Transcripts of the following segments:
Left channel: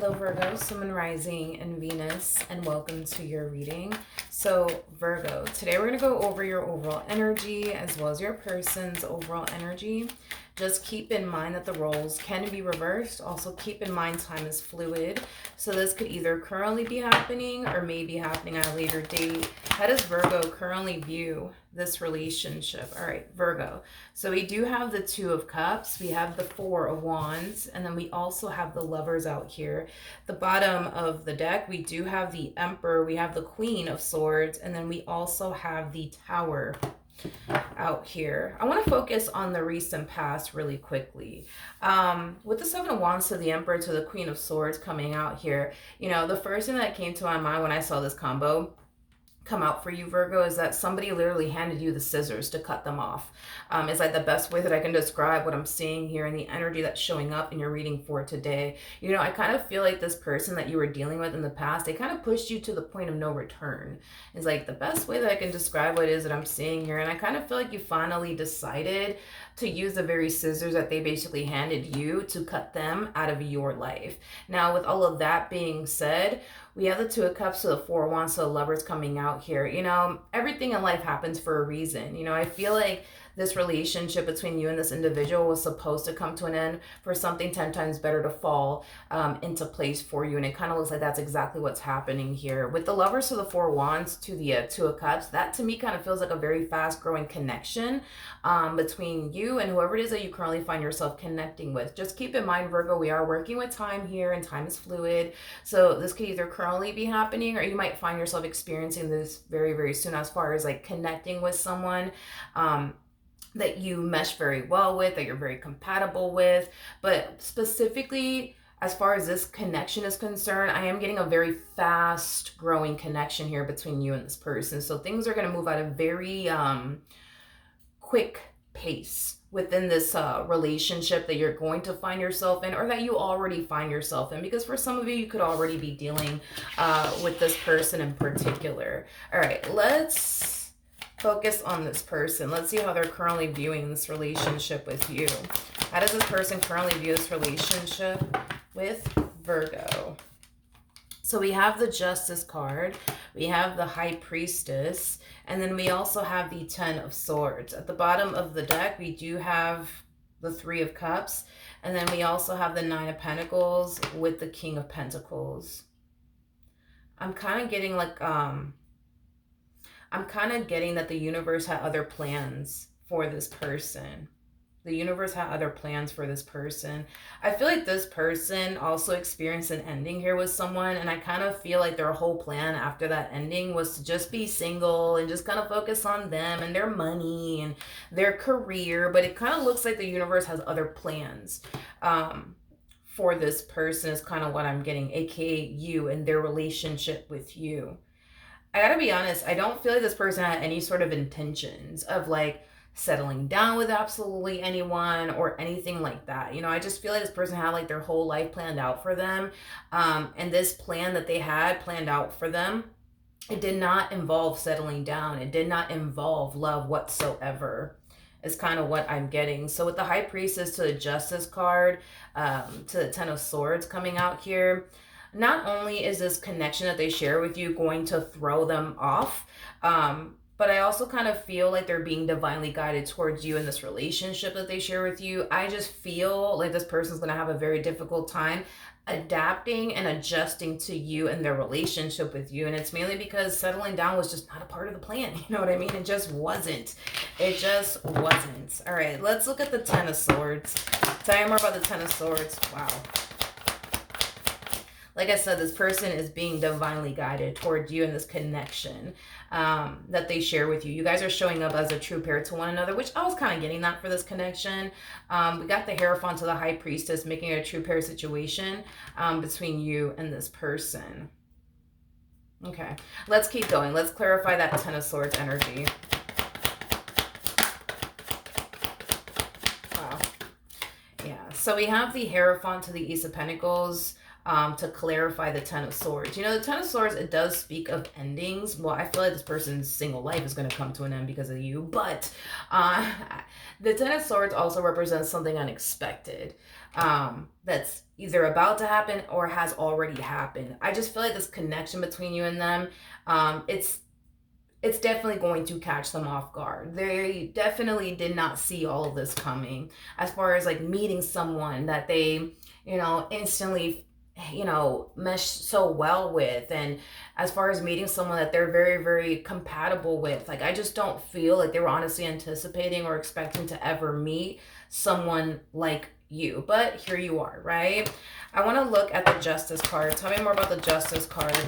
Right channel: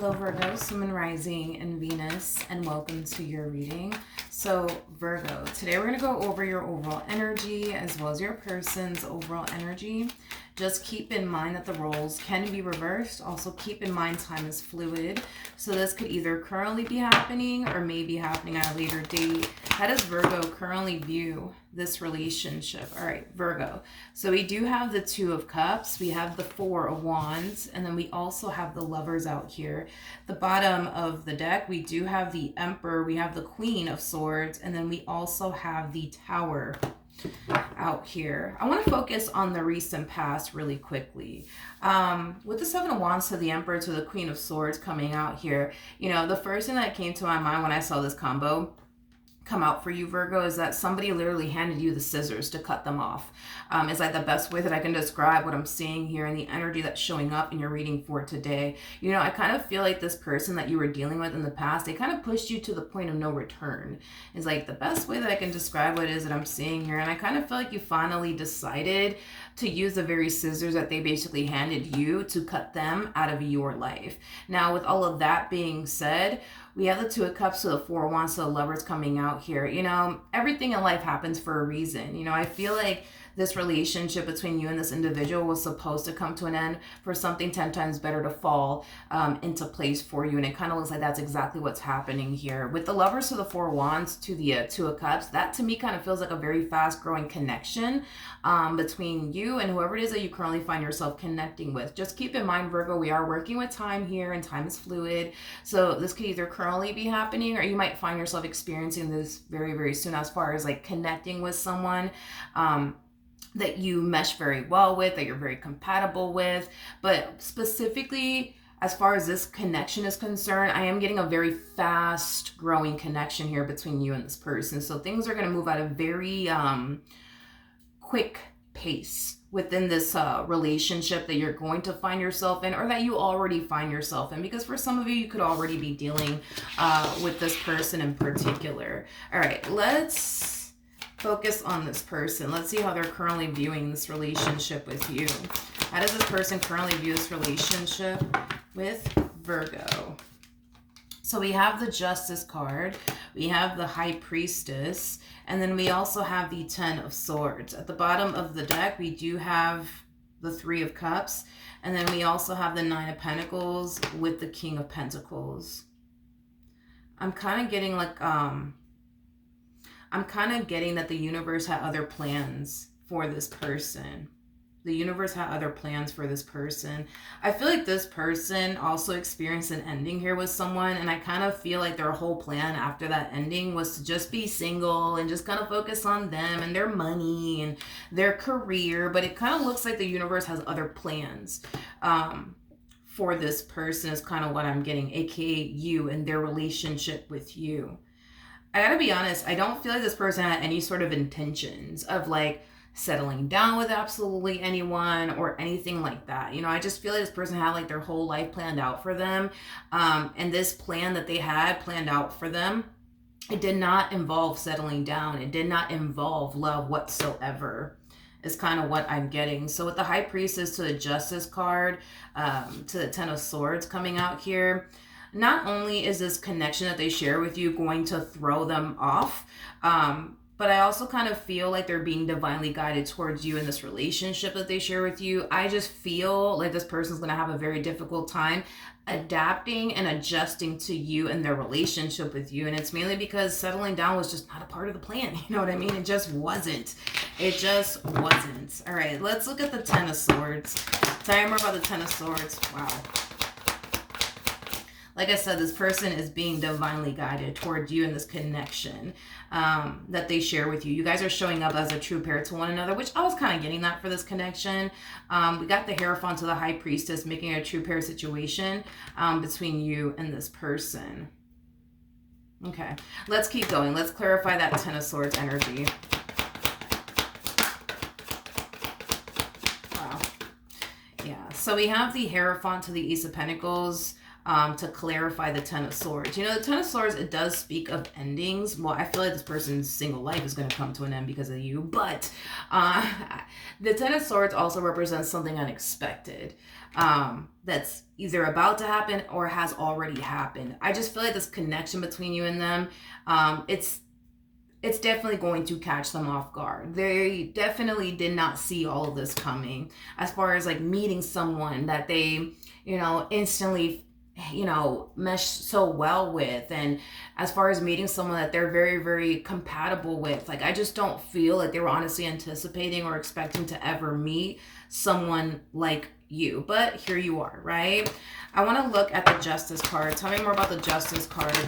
Hello Virgo, Sun, Moon, Rising, and Venus, and welcome to your reading. So Virgo, today we're going to go over your overall energy as well as your person's overall energy. Just keep in mind that the roles can be reversed. Also keep in mind time is fluid. So this could either currently be happening or may be happening at a later date. How does Virgo currently view this relationship? All right, Virgo. So we do have the Two of Cups. We have the Four of Wands. And then we also have the Lovers out here. The bottom of the deck, we do have the Emperor. We have the Queen of Swords. And then we also have the Tower out here. I want to focus on the recent past really quickly. With the Seven of Wands to the Emperor to the Queen of Swords coming out here, you know, the first thing that came to my mind when I saw this combo come out for you, Virgo, is that somebody literally handed you the scissors to cut them off. Is that the best way that I can describe what I'm seeing here and the energy that's showing up in your reading for today? You know, I kind of feel like this person that you were dealing with in the past, they kind of pushed you to the point of no return. Is like the best way that I can describe what it is that I'm seeing here. And I kind of feel like you finally decided to use the very scissors that they basically handed you to cut them out of your life. Now, with all of that being said, we have the Two of Cups to the Four of Wands to the Lovers coming out here. You know, everything in life happens for a reason. You know, I feel like this relationship between you and this individual was supposed to come to an end for something 10 times better to fall into place for you. And it kind of looks like that's exactly what's happening here. With the Lovers to the Four of Wands to the Two of Cups, that to me kind of feels like a very fast growing connection between you and whoever it is that you currently find yourself connecting with. Just keep in mind, Virgo, we are working with time here and time is fluid. So this could either currently be happening or you might find yourself experiencing this very, very soon as far as like connecting with someone that you mesh very well with, that you're very compatible with. But specifically, as far as this connection is concerned, I am getting a very fast growing connection here between you and this person. So things are going to move at a very quick pace within this relationship that you're going to find yourself in, or that you already find yourself in, because for some of you, you could already be dealing with this person in particular. All right, let's focus on this person. Let's see how they're currently viewing this relationship with you. How does this person currently view this relationship with Virgo? So we have the Justice card, we have the High Priestess, and then we also have the Ten of Swords. At the bottom of the deck, we do have the Three of Cups, and then we also have the Nine of Pentacles with the King of Pentacles. I'm kind of getting like, I'm kind of getting that the universe had other plans for this person. The universe had other plans for this person. I feel like this person also experienced an ending here with someone, and I kind of feel like their whole plan after that ending was to just be single and just kind of focus on them and their money and their career. But it kind of looks like the universe has other plans for this person is kind of what I'm getting, aka you and their relationship with you. I gotta be honest, I don't feel like this person had any sort of intentions of like settling down with absolutely anyone or anything like that. You know, I just feel like this person had like their whole life planned out for them. And this plan that they had planned out for them, it did not involve settling down. It did not involve love whatsoever, is kind of what I'm getting. So with the High Priestess to the Justice card, to the Ten of Swords coming out here, not only is this connection that they share with you going to throw them off, but I also kind of feel like they're being divinely guided towards you in this relationship that they share with you. I just feel like this person's going to have a very difficult time adapting and adjusting to you and their relationship with you. And it's mainly because settling down was just not a part of the plan. You know what I mean? It just wasn't. It just wasn't. All right, let's look at the Ten of Swords. Tell me more about the Ten of Swords. Wow. Like I said, this person is being divinely guided toward you in this connection that they share with you. You guys are showing up as a true pair to one another, which I was kind of getting that for this connection. We got the Hierophant to the High Priestess, making a true pair situation between you and this person. Okay, let's keep going. Let's clarify that Ten of Swords energy. Wow. Yeah, so we have the Hierophant to the Ace of Pentacles. to clarify the Ten of Swords. You know, the Ten of Swords, it does speak of endings. Well, I feel like this person's single life is going to come to an end because of you, but the Ten of Swords also represents something unexpected that's either about to happen or has already happened. I just feel like this connection between you and them, it's definitely going to catch them off guard. They definitely did not see all of this coming, as far as like meeting someone that they, instantly, mesh so well with, and as far as meeting someone that they're very, very compatible with. Like, I just don't feel like they were honestly anticipating or expecting to ever meet someone like you, but here you are, right? I want to look at the Justice card. Tell me more about the Justice card.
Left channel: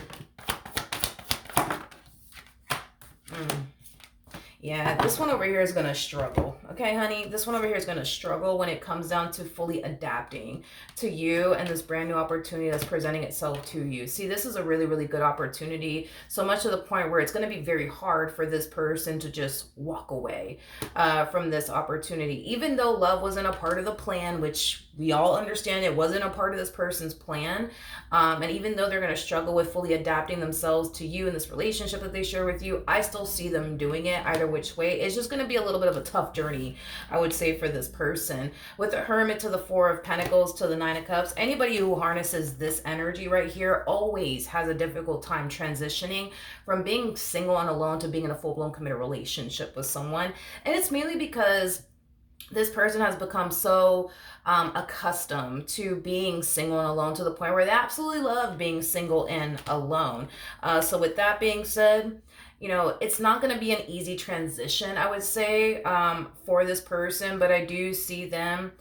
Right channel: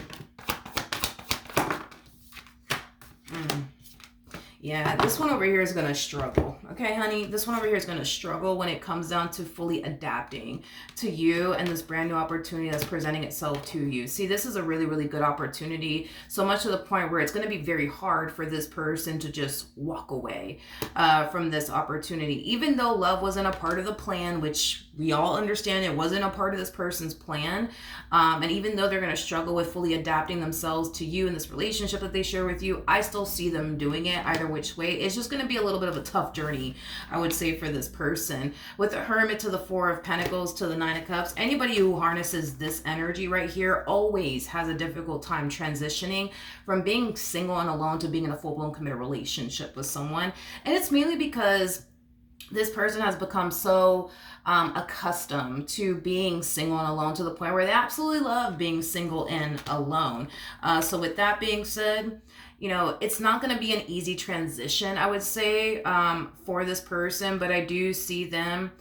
Yeah, this one over here is going to struggle. Okay, honey? This one over here is going to struggle when it comes down to fully adapting to you and this brand new opportunity that's presenting itself to you. See, this is a really, really good opportunity. So much to the point where it's going to be very hard for this person to just walk away from this opportunity. Even though love wasn't a part of the plan, which we all understand it wasn't a part of this person's plan. And even though they're going to struggle with fully adapting themselves to you and this relationship that they share with you, I still see them doing it either which way. It's just going to be a little bit of a tough journey, I would say, for this person. With the Hermit to the Four of Pentacles to the Nine of Cups, anybody who harnesses this energy right here always has a difficult time transitioning from being single and alone to being in a full-blown committed relationship with someone. And it's mainly because this person has become so accustomed to being single and alone to the point where they absolutely love being single and alone. So with that being said, it's not going to be an easy transition, I would say, for this person, but I do see them,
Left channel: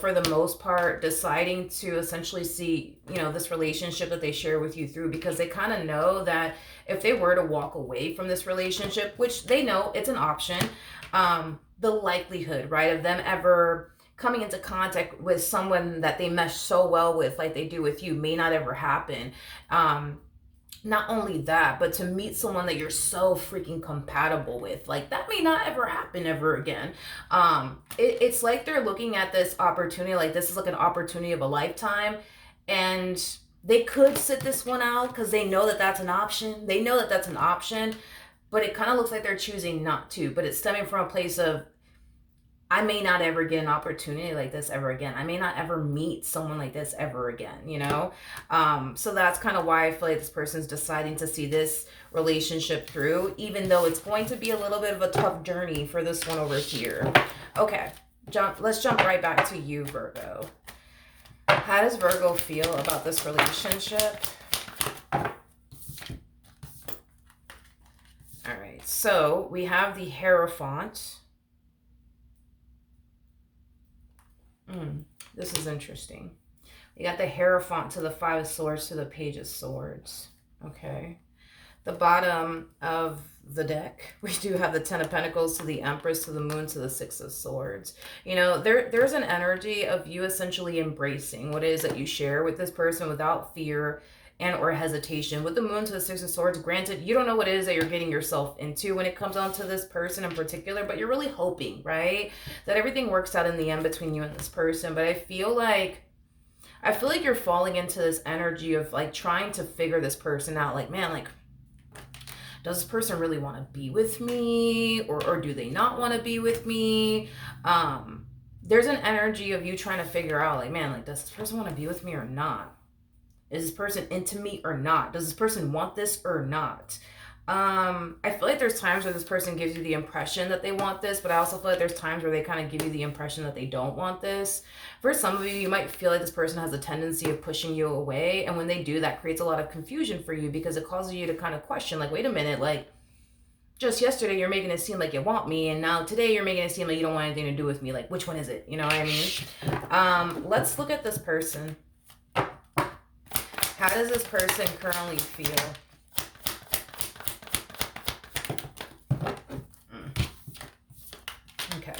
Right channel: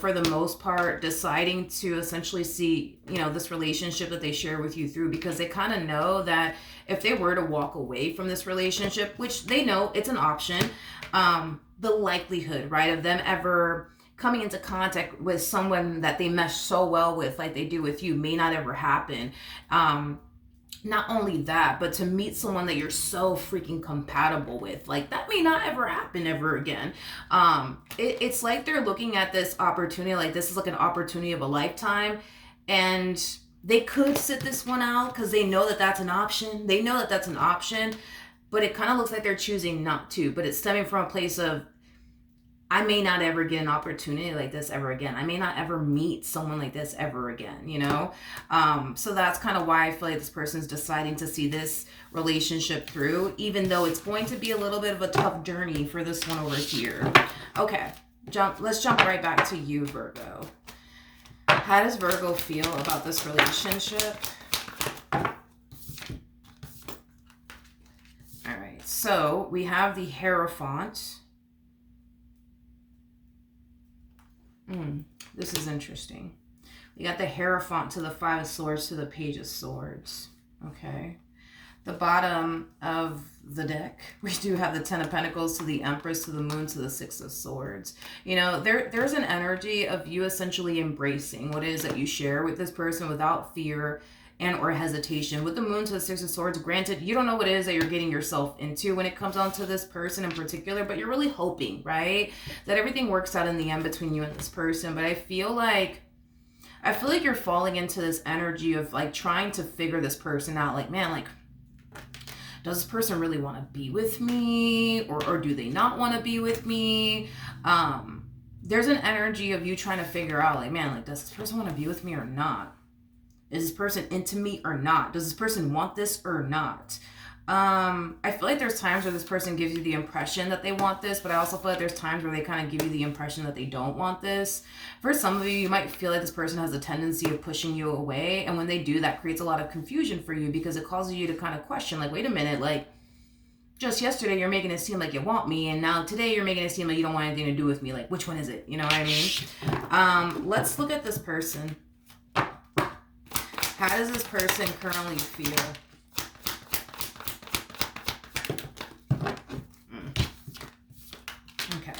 for the most part, deciding to essentially see, this relationship that they share with you through, because they kind of know that if they were to walk away from this relationship, which they know it's an option, the likelihood, right, of them ever coming into contact with someone that they mesh so well with, like they do with you, may not ever happen. Not only that, but to meet someone that you're so freaking compatible with, like that may not ever happen ever again. It's like they're looking at this opportunity, like this is like an opportunity of a lifetime, and they could sit this one out because they know that that's an option. They know that that's an option, but it kind of looks like they're choosing not to. But it's stemming from a place of, I may not ever get an opportunity like this ever again. I may not ever meet someone like this ever again, So that's kind of why I feel like this person's deciding to see this relationship through, even though it's going to be a little bit of a tough journey for this one over here. Okay, let's jump right back to you, Virgo. How does Virgo feel about this relationship? All right, so we have the Hierophant. This is interesting. We got the Hierophant to the Five of Swords to the Page of Swords. Okay. The bottom of the deck, we do have the Ten of Pentacles to the Empress to the Moon to the Six of Swords. There's an energy of you essentially embracing what it is that you share with this person without fear and or hesitation. With the Moon to the Six of Swords, granted, you don't know what it is that you're getting yourself into when it comes down to this person in particular, but you're really hoping, right, that everything works out in the end between you and this person. But I feel like you're falling into this energy of like trying to figure this person out. Like, man, like, does this person really want to be with me, or do they not want to be with me? There's an energy of you trying to figure out, like, man, like, does this person want to be with me or not? Is this person into me or not? Does this person want this or not? I feel like there's times where this person gives you the impression that they want this, but I also feel like there's times where they kind of give you the impression that they don't want this. For some of you, you might feel like this person has a tendency of pushing you away, and when they do, that creates a lot of confusion for you because it causes you to kind of question, like, wait a minute, like, just yesterday you're making it seem like you want me, and now today you're making it seem like you don't want anything to do with me. Like, which one is it? You know what I mean? Let's look at this person. How does this person currently feel? Okay.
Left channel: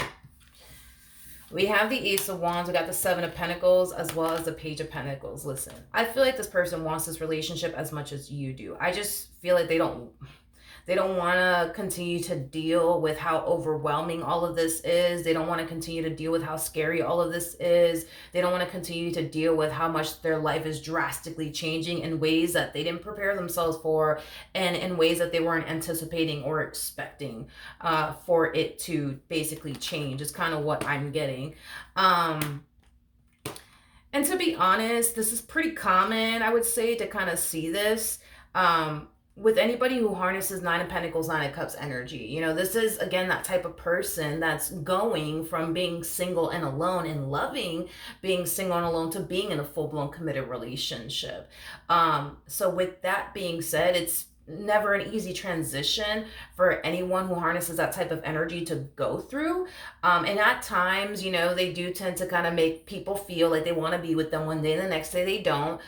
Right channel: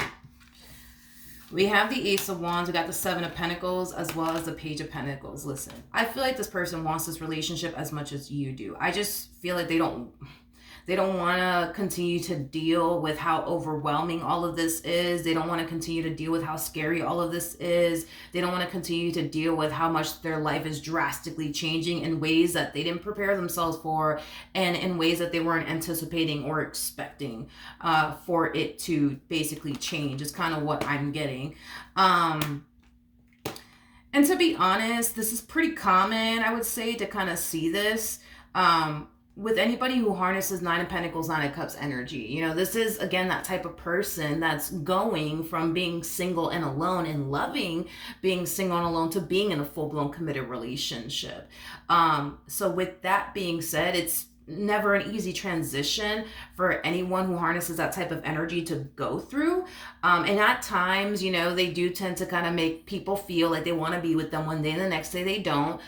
We have the Ace of Wands. We got the Seven of Pentacles as well as the Page of Pentacles. Listen, I feel like this person wants this relationship as much as you do. I just feel like they don't They don't want to continue to deal with how overwhelming all of this is. They don't want to continue to deal with how scary all of this is. They don't want to continue to deal with how much their life is drastically changing in ways that they didn't prepare themselves for, and in ways that they weren't anticipating or expecting for it to basically change, is kind of what I'm getting. And to be honest, this is pretty common, I would say, to kind of see this with anybody who harnesses Nine of Pentacles, Nine of Cups energy. You know, this is, again, that type of person that's going from being single and alone and loving being single and alone to being in a full-blown committed relationship. So with that being said, it's never an easy transition for anyone who harnesses that type of energy to go through. And at times, you know, they do tend to kind of make people feel like they want to be with them one day and the next day they don't.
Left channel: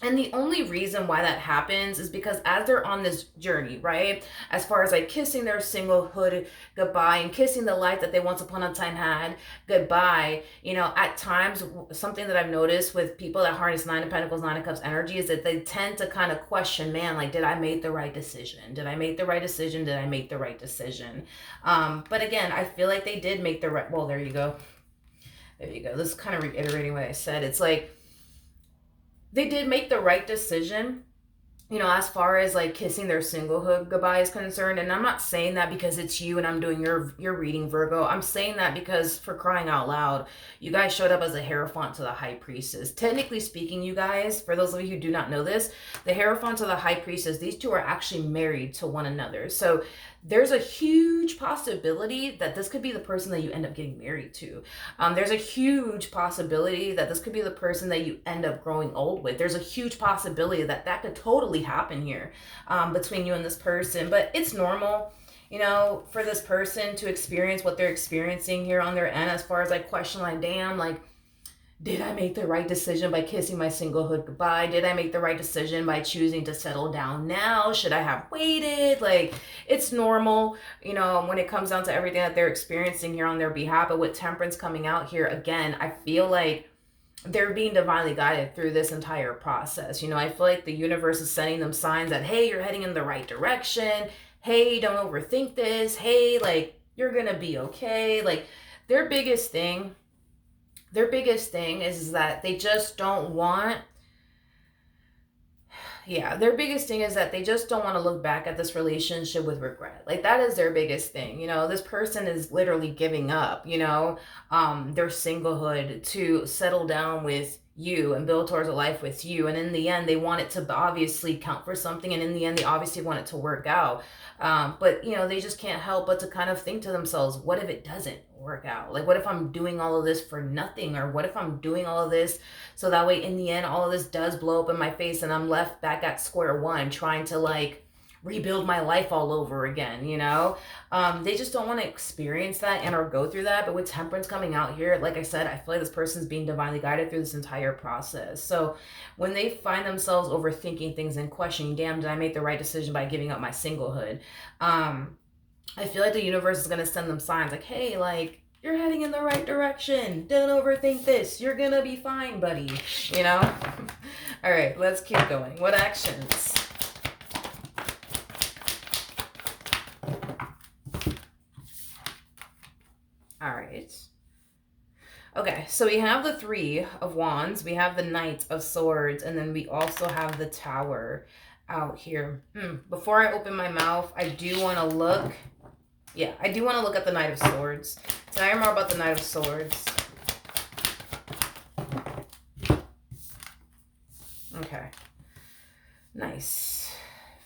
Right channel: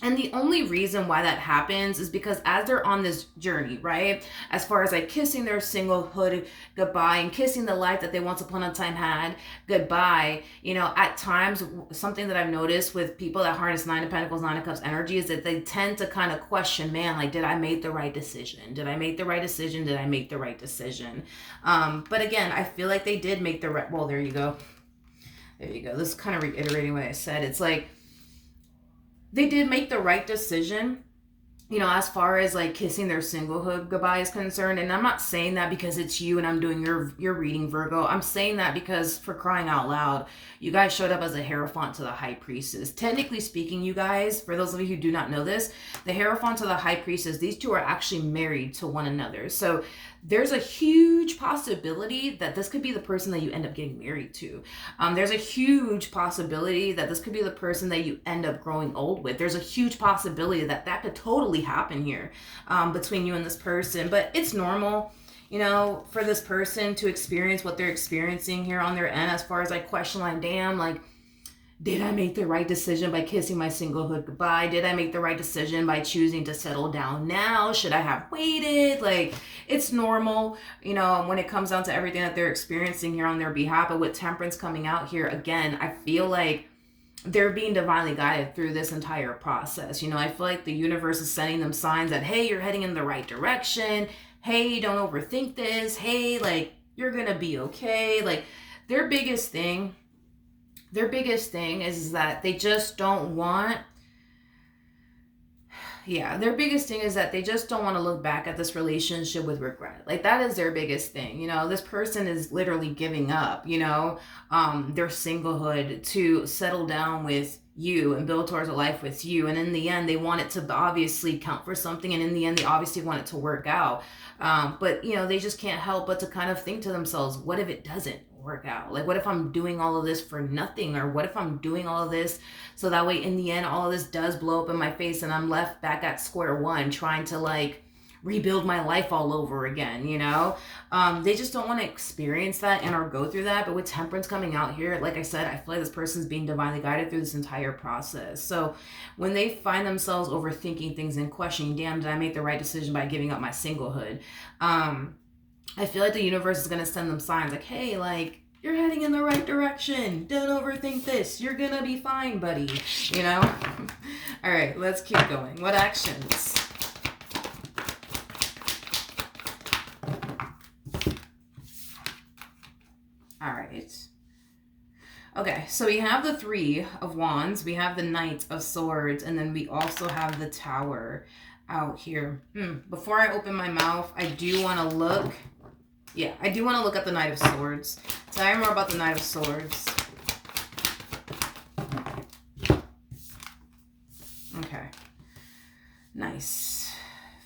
And the only reason why that happens is because as they're on this journey, right? As far as like kissing their singlehood goodbye and kissing the life that they once upon a time had goodbye, you know, at times, something that I've noticed with people that harness Nine of Pentacles, Nine of Cups energy is that they tend to kind of question, man, like, did I make the right decision? Did I make the right decision? Did I make the right decision? But again, I feel like they did make the right, well, there you go. There you go. This is kind of reiterating what I said. It's like, they did make the right decision, you know, as far as like kissing their singlehood goodbye is concerned. And I'm not saying that because it's you and I'm doing your reading, Virgo. I'm saying that because, for crying out loud, you guys showed up as a Hierophant to the High Priestess. Technically speaking, you guys, for those of you who do not know this, the Hierophant to the High Priestess, these two are actually married to one another. So there's a huge possibility that this could be the person that you end up getting married to. There's a huge possibility that this could be the person that you end up growing old with. There's a huge possibility that that could totally happen here between you and this person. But it's normal, you know, for this person to experience what they're experiencing here on their end, as far as like question, like, damn, like, did I make the right decision by kissing my singlehood goodbye? Did I make the right decision by choosing to settle down now? Should I have waited? Like, it's normal, you know, when it comes down to everything that they're experiencing here on their behalf. But with Temperance coming out here, again, I feel like they're being divinely guided through this entire process. You know, I feel like the universe is sending them signs that, hey, you're heading in the right direction. Hey, don't overthink this. Hey, like, you're going to be okay. Like, their biggest thing is that they just don't want, their biggest thing is that they just don't want to look back at this relationship with regret. Like, that is their biggest thing. You know, this person is literally giving up, you know, their singlehood to settle down with you and build towards a life with you. And in the end, they want it to obviously count for something. And in the end, they obviously want it to work out. But, you know, they just can't help but to kind of think to themselves, what if it doesn't work out? Like, what if I'm doing all of this for nothing? Or what if I'm doing all of this so that way in the end all of this does blow up in my face and I'm left back at square one trying to like rebuild my life all over again, you know? They just don't want to experience that and or go through that. But with Temperance coming out here, like I said, I feel like this person's being divinely guided through this entire process. So when they find themselves overthinking things and questioning, damn, did I make the right decision by giving up my singlehood? I feel like the universe is going to send them signs like, hey, like, you're heading in the right direction. Don't overthink this. You're going to be fine, buddy. You know? All right, let's keep going. What actions? All right. Okay, so we have the Three of Wands. We have the Knight of Swords. And then we also have the Tower out here. Before I open my mouth, I do want to look... Yeah, I do want to look at the Knight of Swords. Tell me more about the Knight of Swords. Okay. Nice.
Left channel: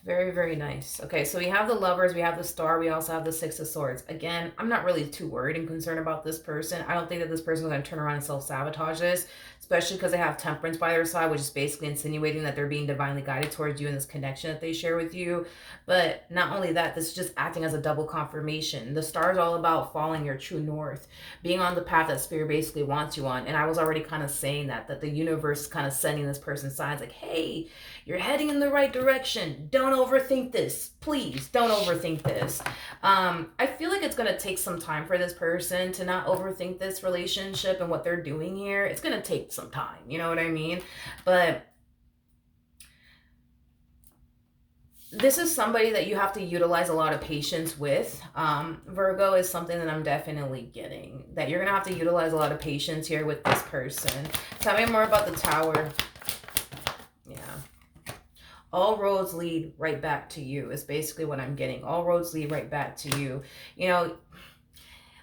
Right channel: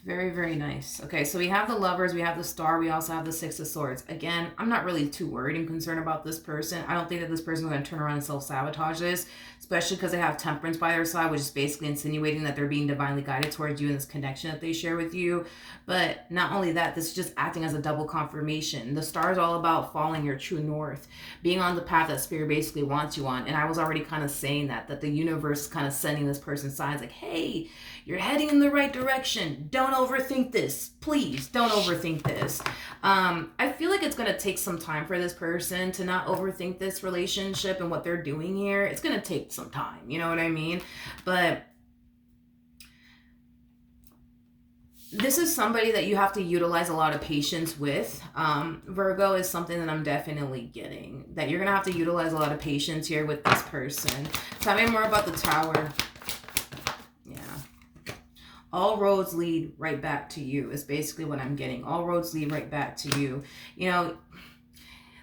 Very, very nice. Okay, so we have the Lovers, we have the Star, we also have the Six of Swords. Again, I'm not really too worried and concerned about this person. I don't think that this person is going to turn around and self-sabotage this, especially because they have Temperance by their side, which is basically insinuating that they're being divinely guided towards you in this connection that they share with you. But not only that, this is just acting as a double confirmation. The Star is all about following your true north, being on the path that Spirit basically wants you on. And I was already kind of saying that the universe is kind of sending this person signs like, hey, you're heading in the right direction. Don't overthink this. Please don't overthink this. I feel like it's going to take some time for this person to not overthink this relationship and what they're doing here. It's going to take some time. You know what I mean? But this is somebody that you have to utilize a lot of patience with. Virgo is something that I'm definitely getting. That you're going to have to utilize a lot of patience here with this person. Tell me more about the Tower. Yeah. All roads lead right back to you is basically what I'm getting. All roads lead right back to you. You know,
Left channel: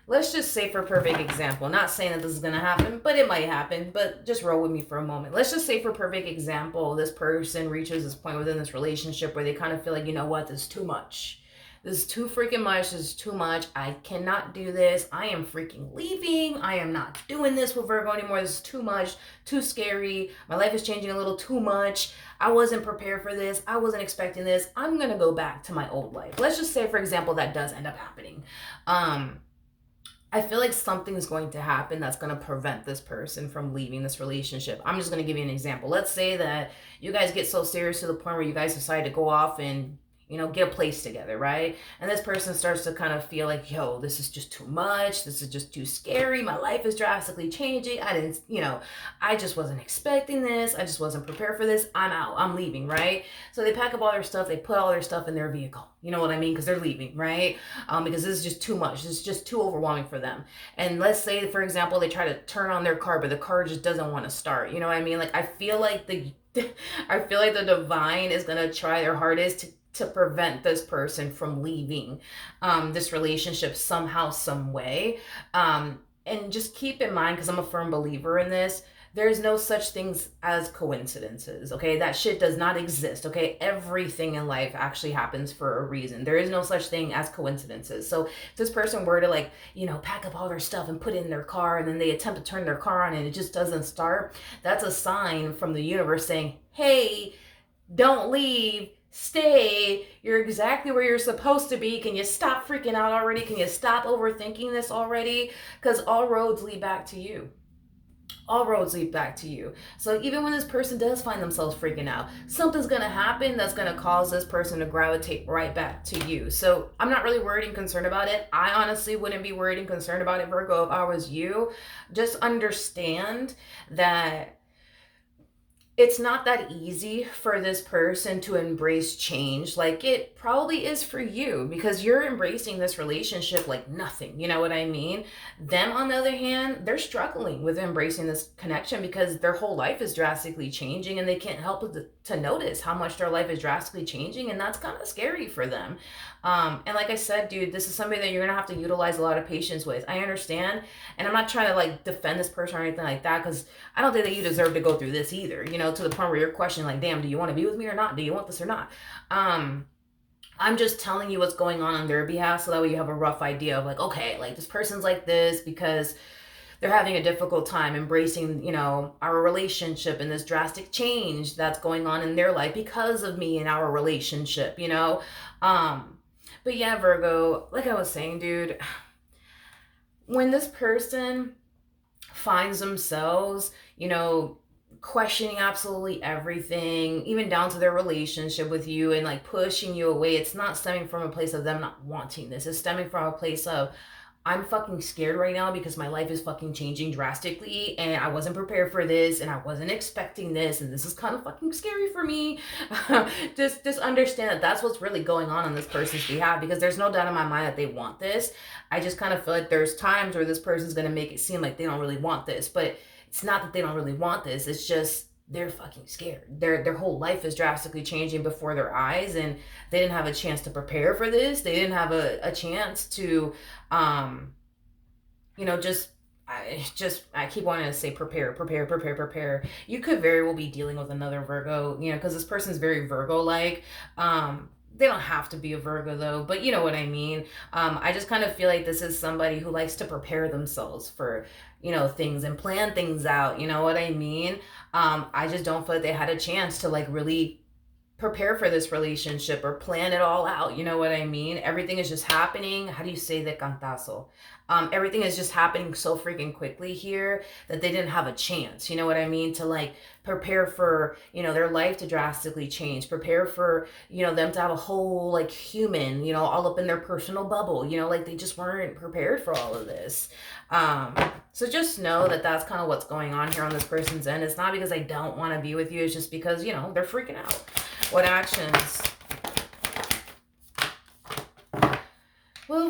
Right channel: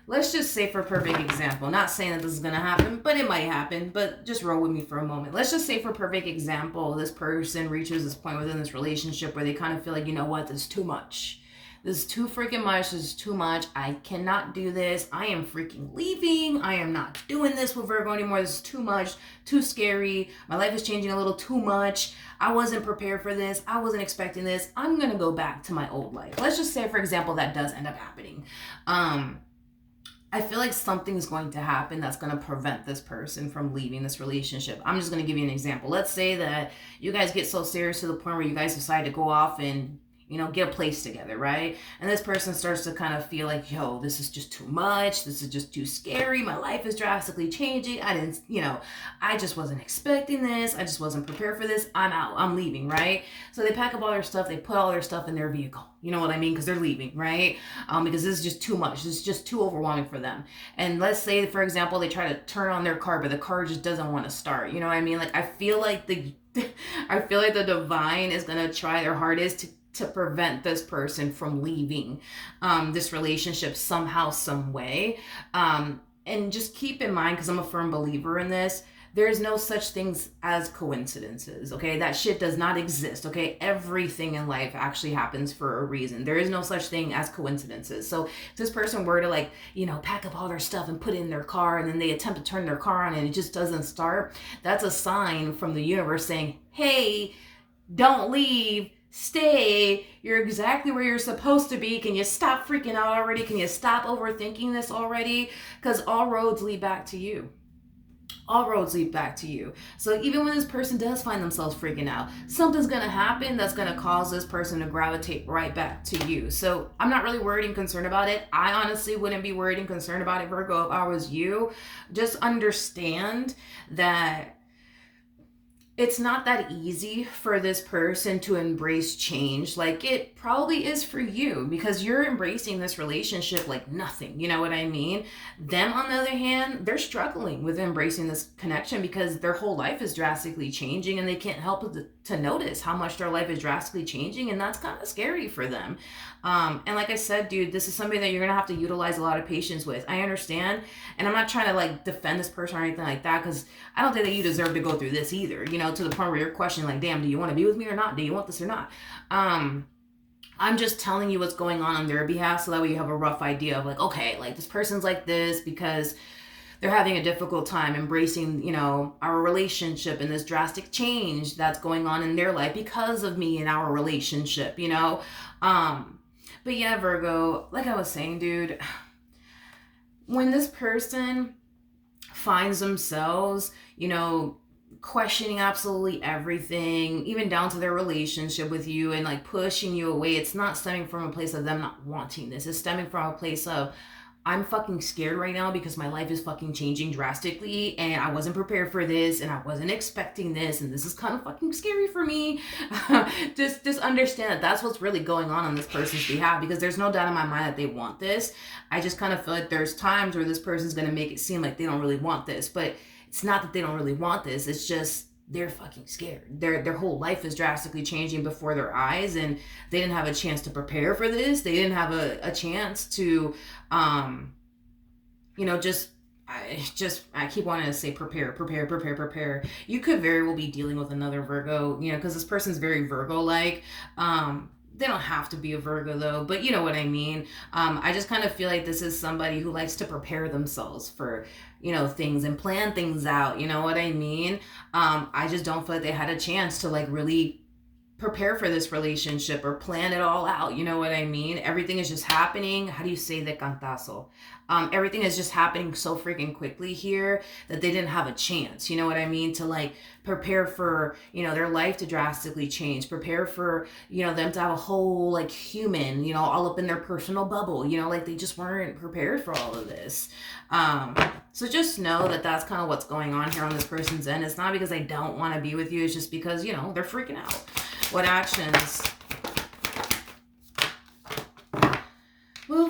let's just say for a perfect example, not saying that this is going to happen, but it might happen, but just roll with me for a moment. Let's just say for a perfect example, this person reaches this point within this relationship where they kind of feel like, you know what, this is too much. This is too freaking much. This is too much. I cannot do this. I am freaking leaving. I am not doing this with Virgo anymore. This is too much, too scary. My life is changing a little too much. I wasn't prepared for this. I wasn't expecting this. I'm going to go back to my old life. Let's just say, for example, that does end up happening. I feel like something's going to happen that's going to prevent this person from leaving this relationship. I'm just going to give you an example. Let's say that you guys get so serious to the point where you guys decide to go off and, you know, get a place together, right? And this person starts to kind of feel like, yo, this is just too much. This is just too scary. My life is drastically changing. I just wasn't expecting this. I just wasn't prepared for this. I'm out. I'm leaving, right? So they pack up all their stuff. They put all their stuff in their vehicle. You know what I mean? Because they're leaving, right? Because this is just too much. This is just too overwhelming for them. And let's say, for example, they try to turn on their car, but the car just doesn't want to start. You know what I mean? Like, I feel like the divine is going to try their hardest to prevent this person from leaving this relationship somehow, some way. And just keep in mind, because I'm a firm believer in this, there's no such things as coincidences, okay? That shit does not exist, okay? Everything in life actually happens for a reason. There is no such thing as coincidences. So if this person were to, like, you know, pack up all their stuff and put it in their car, and then they attempt to turn their car on and it just doesn't start, that's a sign from the universe saying, hey, don't leave, stay, you're exactly where you're supposed to be. Can you stop freaking out already? Can you stop overthinking this already? Because all roads lead back to you. All roads lead back to you. So even when this person does find themselves freaking out, something's going to happen that's going to cause this person to gravitate right back to you. So I'm not really worried and concerned about it. I honestly wouldn't be worried and concerned about it, Virgo, if I was you. Just understand that it's not that easy for this person to embrace change like it probably is for you, because you're embracing this relationship like nothing. You know what I mean? Them, on the other hand, they're struggling with embracing this connection because their whole life is drastically changing and they can't help to notice how much their life is drastically changing, and that's kind of scary for them. And like I said, dude, this is something that you're gonna have to utilize a lot of patience with. I understand, and I'm not trying to like defend this person or anything like that, because I don't think that you deserve to go through this either, you know, to the point where you're questioning like, damn, do you want to be with me or not? Do you want this or not? I'm just telling you what's going on their behalf, so that way you have a rough idea of like, okay, like this person's like this because they're having a difficult time embracing, you know, our relationship and this drastic change that's going on in their life because of me and our relationship, you know. But yeah, Virgo, like I was saying, dude, when this person finds themselves, you know, questioning absolutely everything, even down to their relationship with you, and like pushing you away, it's not stemming from a place of them not wanting this. It's stemming from a place of, I'm fucking scared right now because my life is fucking changing drastically and I wasn't prepared for this and I wasn't expecting this and this is kind of fucking scary for me. just understand that that's what's really going on this person's behalf, because there's no doubt in my mind that they want this. I just kind of feel like there's times where this person's going to make it seem like they don't really want this, but it's not that they don't really want this. It's just they're fucking scared. Their whole life is drastically changing before their eyes, and they didn't have a chance to prepare for this. They didn't have a chance to, you know, I keep wanting to say prepare. You could very well be dealing with another Virgo, you know, because this person's very Virgo-like. They don't have to be a Virgo though, but you know what I mean. I just kind of feel like this is somebody who likes to prepare themselves for, you know, things and plan things out. You know what I mean? I just don't feel like they had a chance to like really prepare for this relationship or plan it all out. You know what I mean? Everything is just happening. How do you say de cantazo? Everything is just happening so freaking quickly here that they didn't have a chance, you know what I mean, to like prepare for, you know, their life to drastically change, prepare for, you know, them to have a whole like human, you know, all up in their personal bubble, you know, like they just weren't prepared for all of this. So just know that that's kind of what's going on here on this person's end. It's not because they don't want to be with you. It's just because, you know, they're freaking out. What actions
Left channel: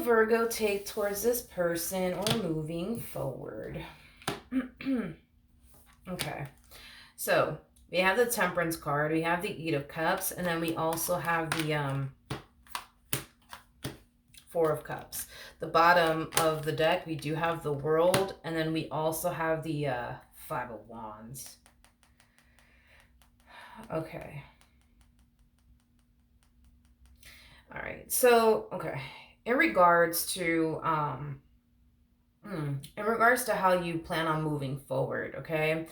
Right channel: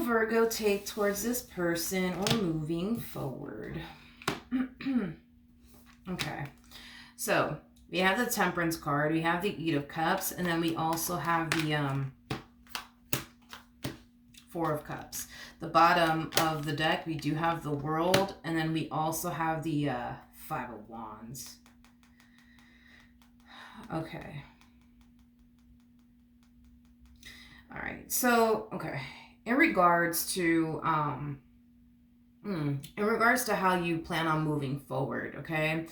Virgo take towards this person or moving forward? Okay. So we have the Temperance card, we have the Eight of Cups, and then we also have the Four of Cups. The bottom of the deck, we do have the World, and then we also have the Five of Wands. Okay. All right. So, okay. In regards to how you plan on moving forward, okay?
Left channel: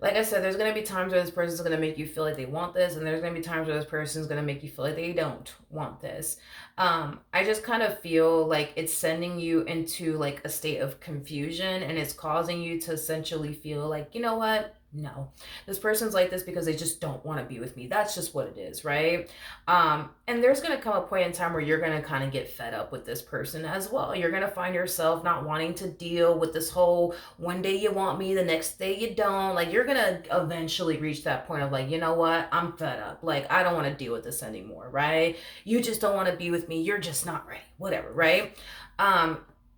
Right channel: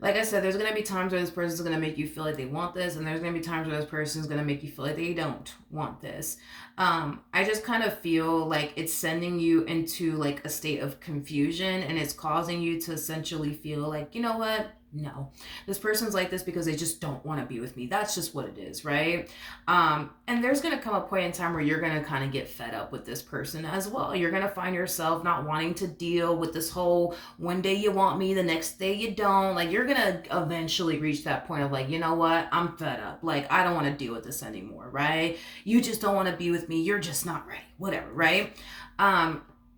Like I said, there's going to be times where this person is going to make you feel like they want this, and there's going to be times where this person is going to make you feel like they don't want this. I just kind of feel like it's sending you into like a state of confusion, and it's causing you to essentially feel like, you know what? No, this person's like this because they just don't want to be with me. That's just what it is, right? And there's going to come a point in time where you're going to kind of get fed up with this person as well. You're going to find yourself not wanting to deal with this whole one day you want me, the next day you don't. Like, you're going to eventually reach that point of like, you know what? I'm fed up. Like, I don't want to deal with this anymore, right? You just don't want to be with me. You're just not ready. Whatever, right?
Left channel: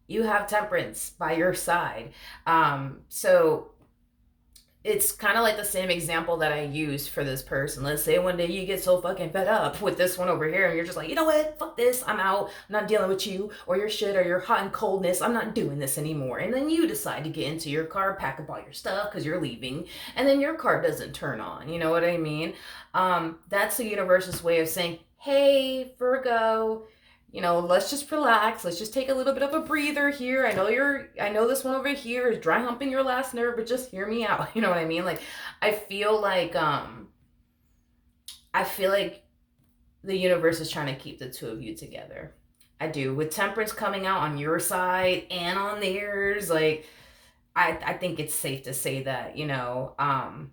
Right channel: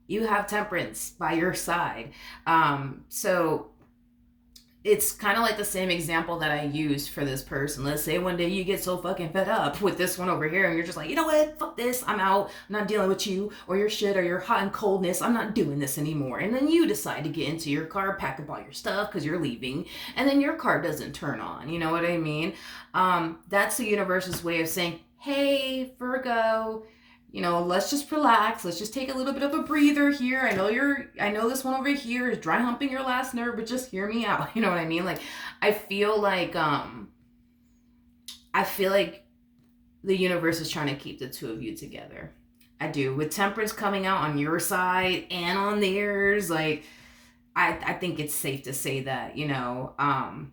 You have Temperance by your side. So it's kind of like the same example that I used for this person. Let's say one day you get so fucking fed up with this one over here and you're just like, you know what, fuck this, I'm out, I'm not dealing with you or your shit or your hot and coldness, I'm not doing this anymore. And then you decide to get into your car, pack up all your stuff because you're leaving, and then your car doesn't turn on, you know what I mean? That's the universe's way of saying, hey, Virgo, you know, let's just relax. Let's just take a little bit of a breather here. I know this one over here is dry humping your last nerve, but just hear me out. You know what I mean? Like, I feel like the universe is trying to keep the two of you together. I do. With Temperance coming out on your side and on theirs, like, I think it's safe to say that, you know,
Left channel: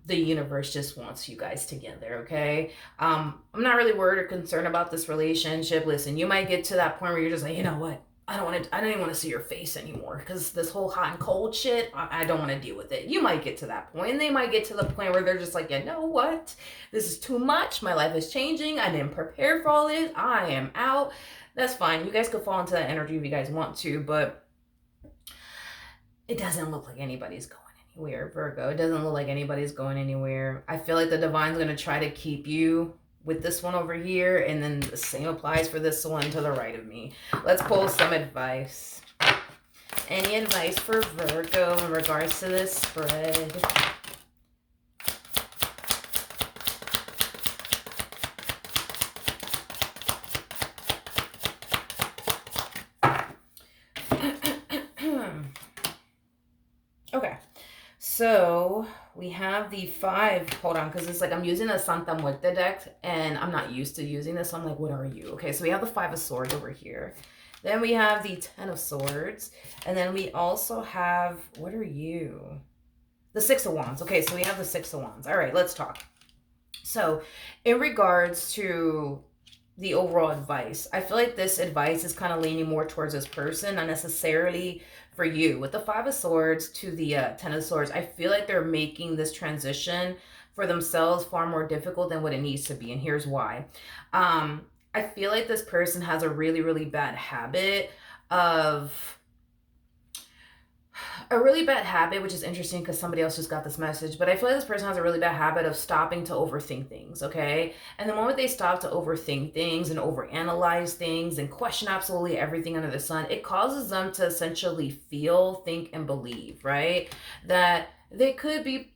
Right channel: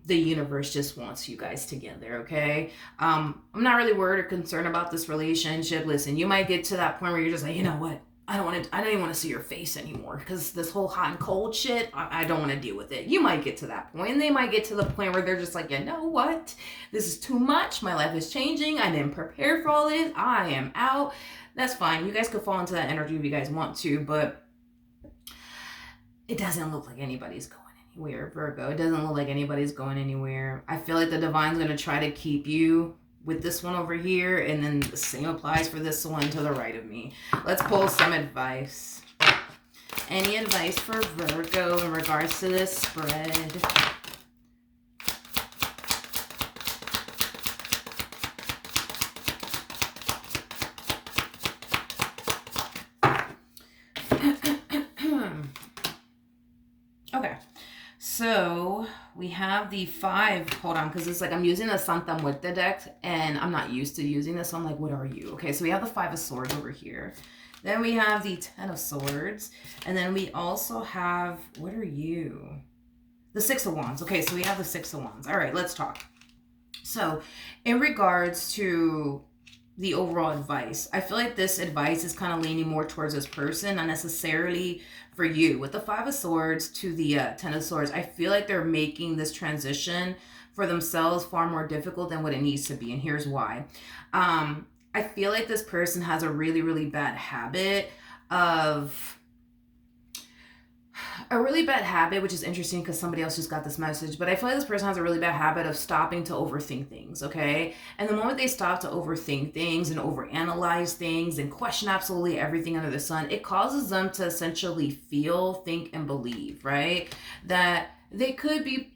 the universe just wants you guys together, okay? I'm not really worried or concerned about this relationship. Listen, you might get to that point where you're just like, you know what? I don't even want to see your face anymore because this whole hot and cold shit, I don't want to deal with it. You might get to that point, and they might get to the point where they're just like, you know what? This is too much. My life is changing. I didn't prepare for all this. I am out. That's fine. You guys could fall into that energy if you guys want to, but it doesn't look like anybody's going anywhere, Virgo. It doesn't look like anybody's going anywhere. I feel like the divine's going to try to keep you with this one over here, and then the same applies for this one to the right of me. Let's pull some advice. Any advice for Virgo in regards to this spread? Okay, so we have the five. Hold on, because it's like I'm using a Santa Muerte deck, and I'm not used to using this. So I'm like, what are you? Okay, so we have the Five of Swords over here. Then we have the Ten of Swords. And then we also have, what are you? The Six of Wands. Okay, so we have the Six of Wands. All right, let's talk. So in regards to the overall advice, I feel like this advice is kind of leaning more towards this person, not necessarily for you. With the Five of Swords to the Ten of Swords, I feel like they're making this transition for themselves far more difficult than what it needs to be, and here's why. I feel like this person has a really, really bad habit which is interesting because somebody else just got this message, but I feel like this person has a really bad habit of stopping to overthink things, okay? And the moment they stop to overthink things and overanalyze things and question absolutely everything under the sun, it causes them to essentially feel, think, and believe, right? That they could be,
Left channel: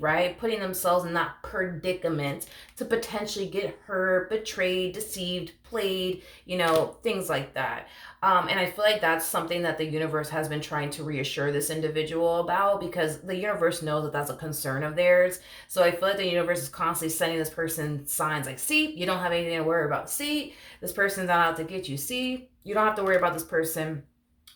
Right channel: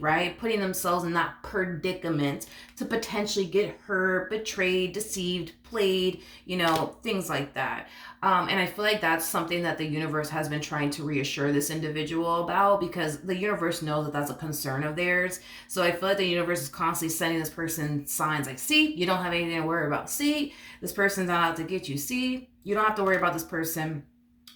right, putting themselves in that predicament to potentially get hurt, betrayed, deceived, played, you know, things like that. And I feel like that's something that the universe has been trying to reassure this individual about, because the universe knows that that's a concern of theirs. So I feel like the universe is constantly sending this person signs like, see, you don't have anything to worry about. See, this person's not out to get you. See, you don't have to worry about this person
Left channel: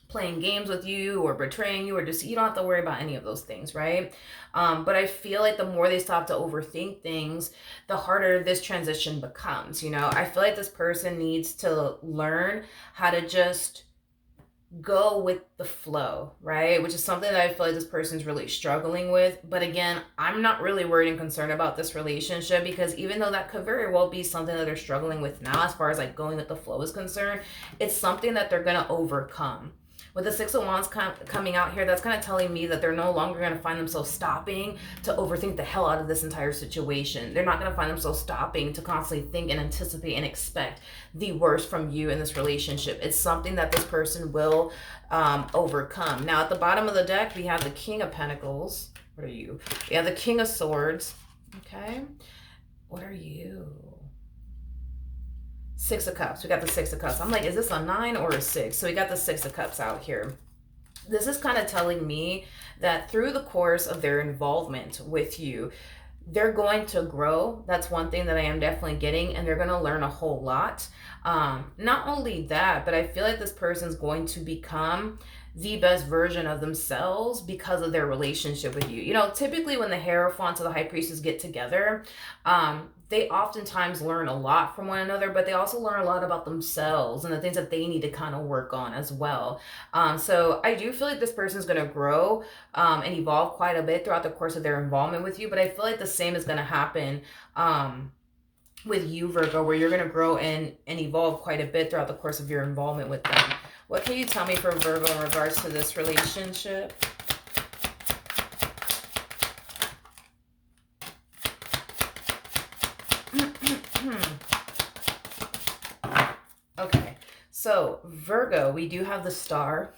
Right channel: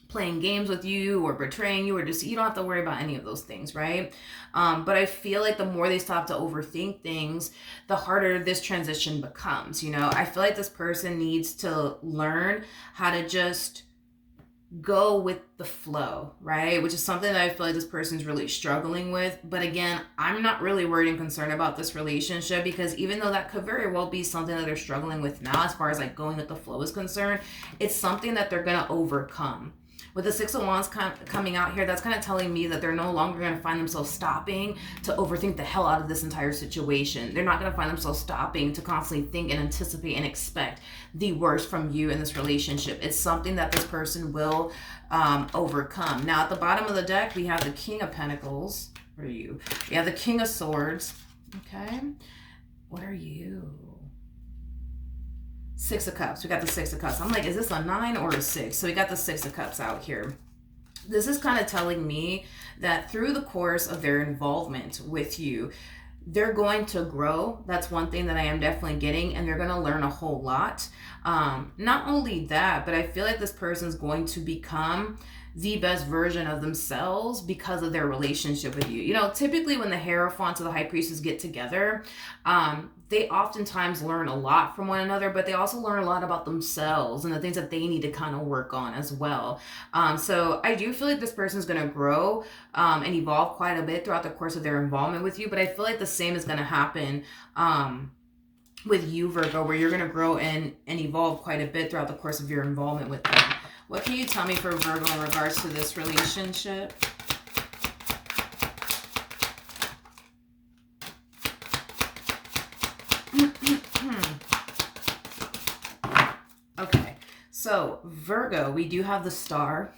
playing games with you or betraying you, or just, you don't have to worry about any of those things, right? But I feel like the more they stop to overthink things, the harder this transition becomes. You know, I feel like this person needs to learn how to just go with the flow, right? Which is something that I feel like this person's really struggling with. But again, I'm not really worried and concerned about this relationship, because even though that could very well be something that they're struggling with now, as far as like going with the flow is concerned, it's something that they're going to overcome. With the Six of Wands coming out here, that's kind of telling me that they're no longer going to find themselves stopping to overthink the hell out of this entire situation. They're not going to find themselves stopping to constantly think and anticipate and expect the worst from you in this relationship. It's something that this person will overcome. Now, at the bottom of the deck, we have the King of Pentacles. What are you? We have the King of Swords. Okay. What are you? Six of Cups. We got the Six of Cups. I'm like, is this a 9 or a 6? So we got the Six of Cups out here. This is kind of telling me that through the course of their involvement with you, they're going to grow. That's one thing that I am definitely getting, and they're going to learn a whole lot. Not only that, but I feel like this person's going to become the best version of themselves because of their relationship with you. You know, typically when the Hierophant or the High Priestess get together, they oftentimes learn a lot from one another, but they also learn a lot about themselves and the things that they need to kind of work on as well. So I do feel like this person's going to grow and evolve quite a bit throughout the course of their involvement with you, but I feel like the same is going to happen with you, Virgo, where you're going to grow and evolve quite a bit throughout the course of your involvement with them. What can you tell me for Virgo in regards to this relationship? Okay, so Virgo, we do have the Star.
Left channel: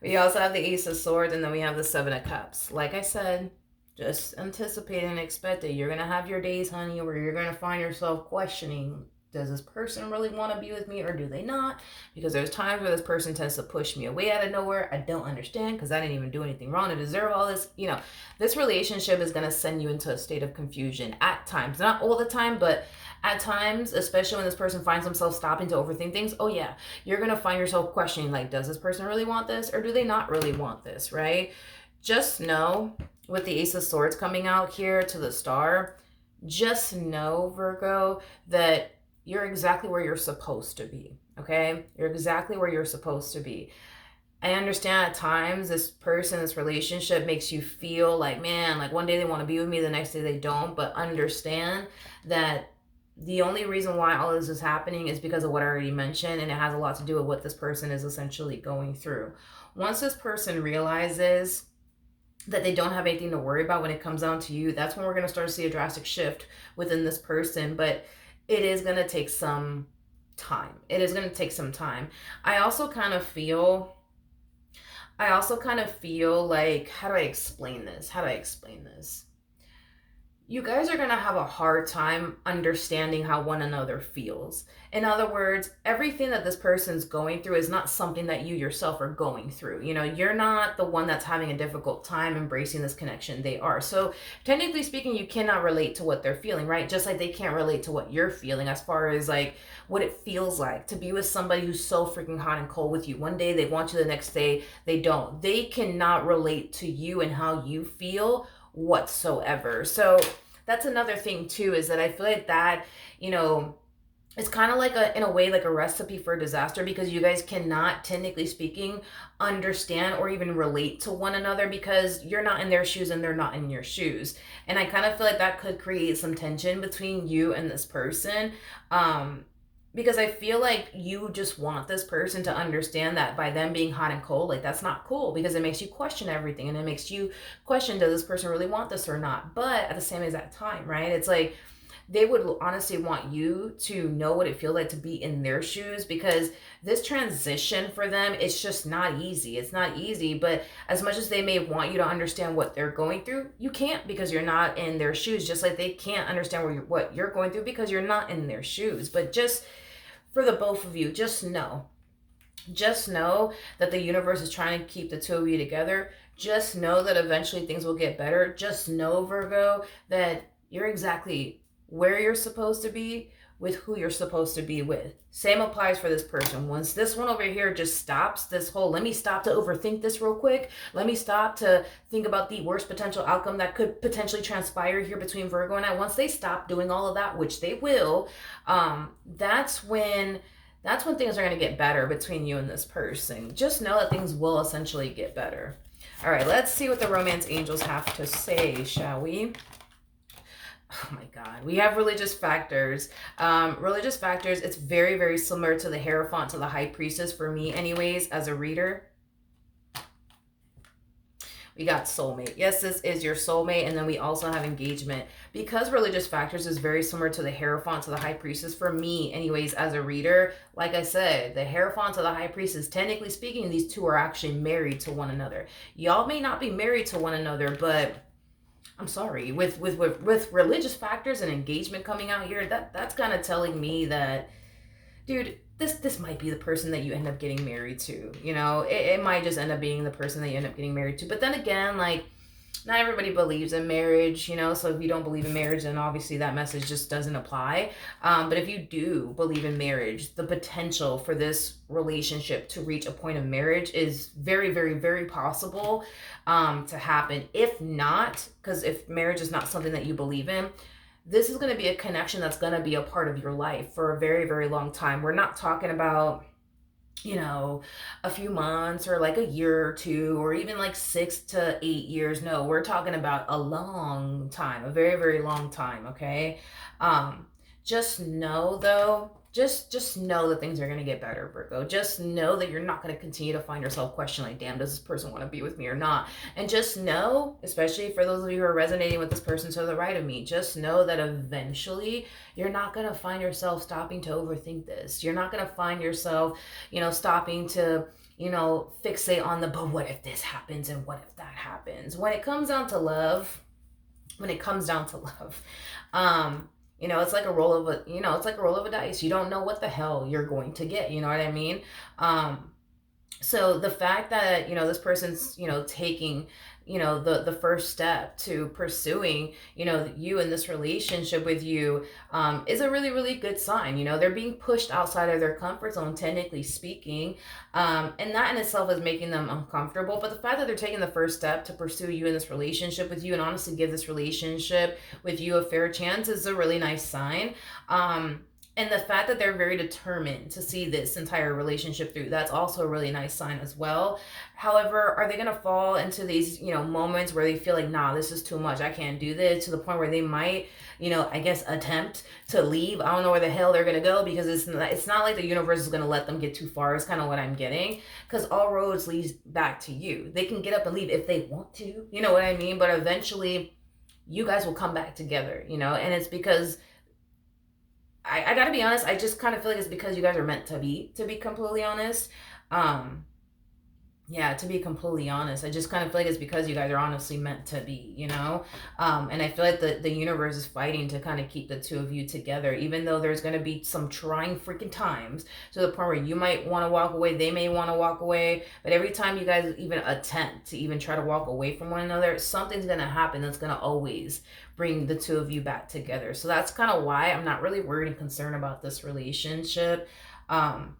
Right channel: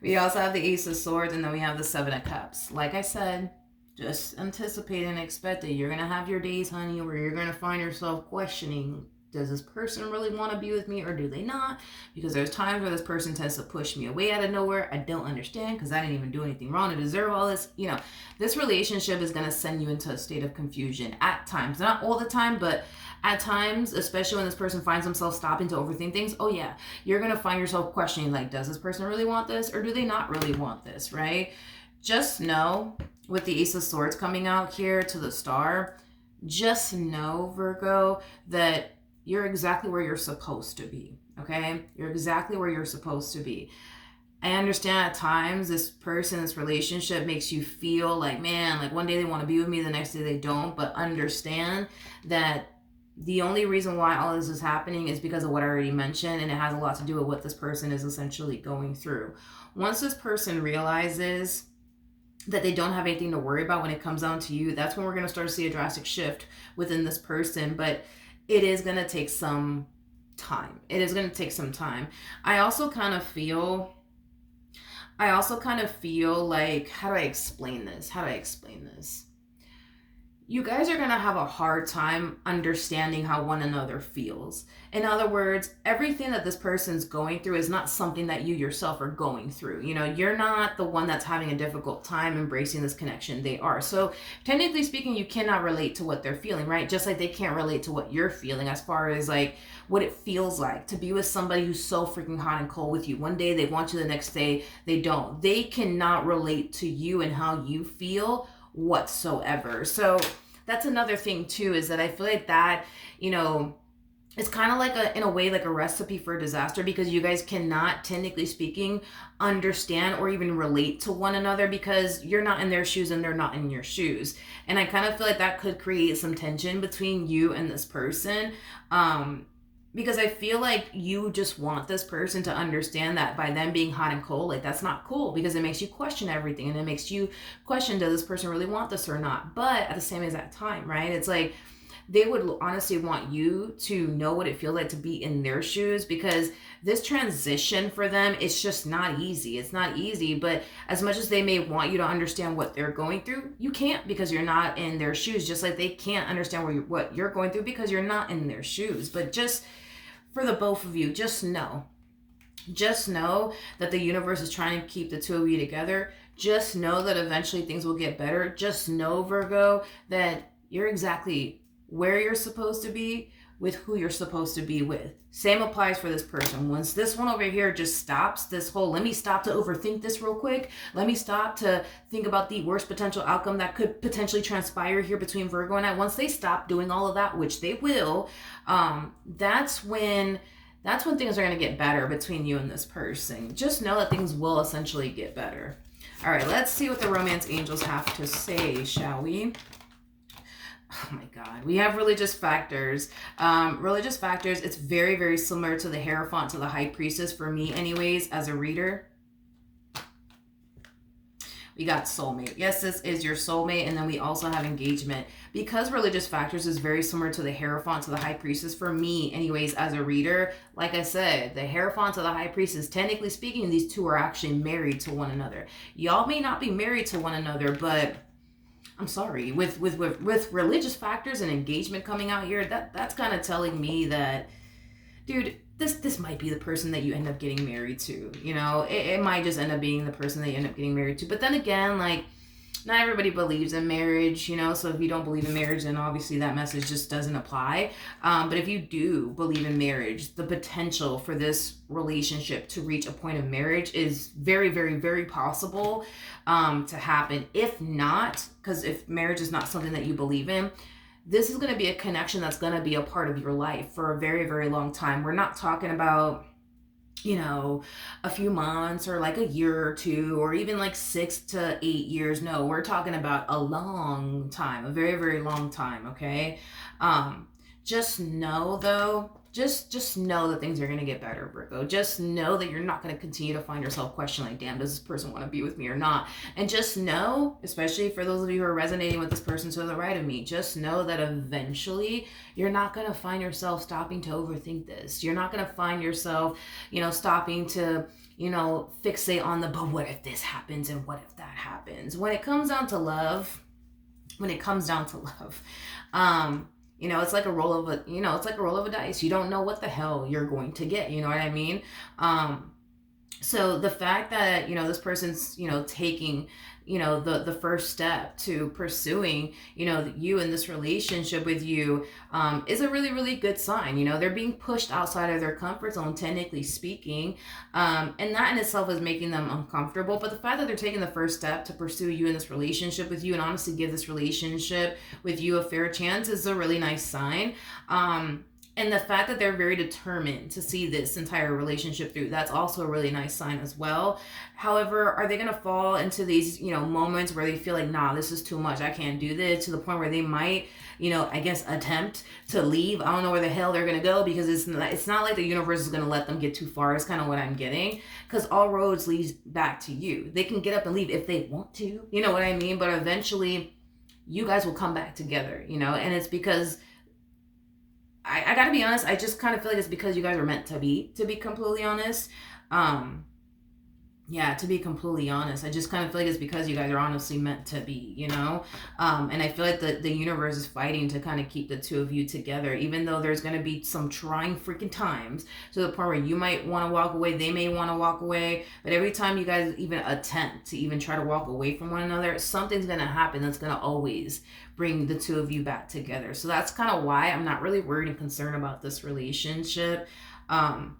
We also have the Ace of Swords, and then we have the Seven of Cups. Like I said, just anticipate and expect it. You're going to have your days, honey, where you're going to find yourself questioning, does this person really want to be with me or do they not? Because there's times where this person tends to push me away out of nowhere. I don't understand because I didn't even do anything wrong to deserve all this. You know, this relationship is going to send you into a state of confusion at times. Not all the time, but at times, especially when this person finds themselves stopping to overthink things. Oh yeah, you're going to find yourself questioning, like, does this person really want this or do they not really want this, right? Just know, with the Ace of Swords coming out here to the Star, just know, Virgo, that you're exactly where you're supposed to be, okay? You're exactly where you're supposed to be. I understand at times this person, this relationship makes you feel like, man, like one day they want to be with me, the next day they don't, but understand that the only reason why all this is happening is because of what I already mentioned, and it has a lot to do with what this person is essentially going through. Once this person realizes that they don't have anything to worry about when it comes down to you, that's when we're going to start to see a drastic shift within this person. But it is going to take some time. It is going to take some time. I also kind of feel like, how do I explain this? You guys are going to have a hard time understanding how one another feels. In other words, everything that this person's going through is not something that you yourself are going through. You know, you're not the one that's having a difficult time embracing this connection. They are. So technically speaking, you cannot relate to what they're feeling, right? Just like they can't relate to what you're feeling as far as like what it feels like to be with somebody who's so freaking hot and cold with you. One day they want you, the next day they don't. They cannot relate to you and how you feel whatsoever. So that's another thing too, is that I feel like that, you know, it's kind of like in a way, like a recipe for disaster, because you guys cannot, technically speaking, understand or even relate to one another because you're not in their shoes and they're not in your shoes. And I kind of feel like that could create some tension between you and this person. Because I feel like you just want this person to understand that by them being hot and cold, like that's not cool, because it makes you question everything, and it makes you question, does this person really want this or not? But at the same exact time, right? It's like they would honestly want you to know what it feels like to be in their shoes, because this transition for them, it's just not easy. It's not easy, but as much as they may want you to understand what they're going through, you can't, because you're not in their shoes, just like they can't understand what you're going through because you're not in their shoes. But just for the both of you, just know that the universe is trying to keep the two of you together. Just know that eventually things will get better. Just know, Virgo, that you're exactly where you're supposed to be with who you're supposed to be with. Same applies for this person. Once this one over here just stops, this whole, let me stop to overthink this real quick. Let me stop to think about the worst potential outcome that could potentially transpire here between Virgo and I. Once they stop doing all of that, which they will, that's when That's when things are going to get better between you and this person. Just know that things will essentially get better. All right, let's see what the romance angels have to say, shall we? Oh my God. We have religious factors. Religious factors, it's very, very similar to the Hierophant, to the High Priestess for me, anyways, as a reader. We got soulmate. Yes, this is your soulmate. And then we also have engagement. Because religious factors is very similar to the Hierophant, to the High Priestess for me, anyways, as a reader. Like I said, the Hierophant to the High Priestess, technically speaking, these two are actually married to one another. Y'all may not be married to one another, but I'm sorry, with religious factors and engagement coming out here, that's kind of telling me that, dude, this might be the person that you end up getting married to. You know, it might just end up being the person that you end up getting married to. But then again, like, not everybody believes in marriage, you know, so if you don't believe in marriage, then obviously that message just doesn't apply. But if you do believe in marriage, the potential for this relationship to reach a point of marriage is very, very, very possible to happen. If not, because if marriage is not something that you believe in, this is going to be a connection that's going to be a part of your life for a very, very long time. We're not talking about, you know, a few months or like a year or two or even like 6 to 8 years. No, we're talking about a long time, a very, very long time. Okay. Just know though, just know that things are going to get better, Virgo. Just know that you're not going to continue to find yourself questioning, like, damn, does this person want to be with me or not? And just know, especially for those of you who are resonating with this person to the right of me, just know that eventually you're not going to find yourself stopping to overthink this. You're not going to find yourself, you know, stopping to, you know, fixate on the, but what if this happens and what if that happens? When it comes down to love, you know, it's like a roll of a, you know, it's like a roll of a dice. You don't know what the hell you're going to get. You know what I mean? So the fact that, you know, this person's, you know, taking, you know, the first step to pursuing, you know, you in this relationship with you, is a really, really good sign. You know, they're being pushed outside of their comfort zone, technically speaking. And that in itself is making them uncomfortable. But the fact that they're taking the first step to pursue you in this relationship with you and honestly give this relationship with you a fair chance is a really nice sign. And the fact that they're very determined to see this entire relationship through, that's also a really nice sign as well. However, are they going to fall into these, you know, moments where they feel like, nah, this is too much, I can't do this, to the point where they might, you know, I guess attempt to leave? I don't know where the hell they're going to go, because it's not like the universe is going to let them get too far, is kind of what I'm getting. Because all roads lead back to you. They can get up and leave if they want to, you know what I mean? But eventually you guys will come back together, you know, and it's because I gotta be honest, I just kind of feel like it's because you guys are meant to be completely honest. Um, yeah, to be completely honest, I just kind of feel like it's because you guys are honestly meant to be, you know? And I feel like the universe is fighting to kind of keep the two of you together, even though there's going to be some trying freaking times to the point where you might want to walk away, they may want to walk away. But every time you guys even attempt to even try to walk away from one another, something's going to happen that's going to always bring the two of you back together. So that's kind of why I'm not really worried and concerned about this relationship. Um,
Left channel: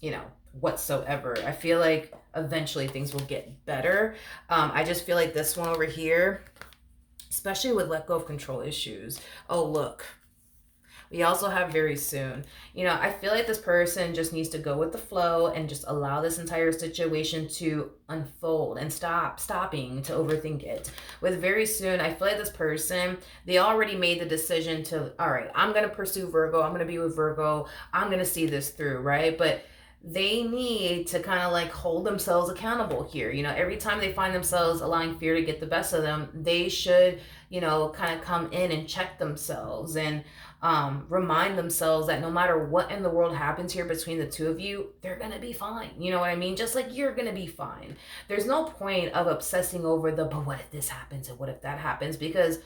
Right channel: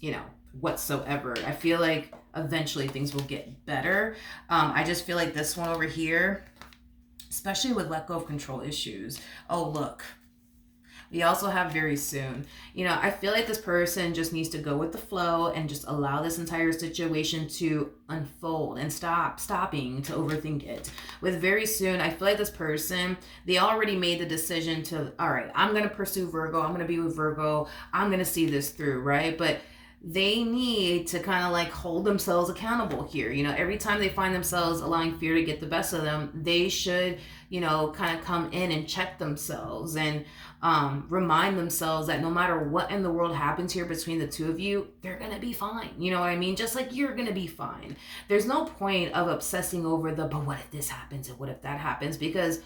you know, whatsoever. I feel like eventually things will get better. I just feel like this one over here, especially with let go of control issues. Oh, look. We also have very soon. You know, I feel like this person just needs to go with the flow and just allow this entire situation to unfold and stopping to overthink it. With very soon, I feel like this person, they already made the decision to, all right, I'm going to pursue Virgo. I'm going to be with Virgo. I'm going to see this through, right? But they need to kind of like hold themselves accountable here. You know, every time they find themselves allowing fear to get the best of them, they should, you know, kind of come in and check themselves and remind themselves that no matter what in the world happens here between the two of you, they're gonna be fine. You know what I mean? Just like you're gonna be fine. There's no point of obsessing over the, but what if this happens and what if that happens? Because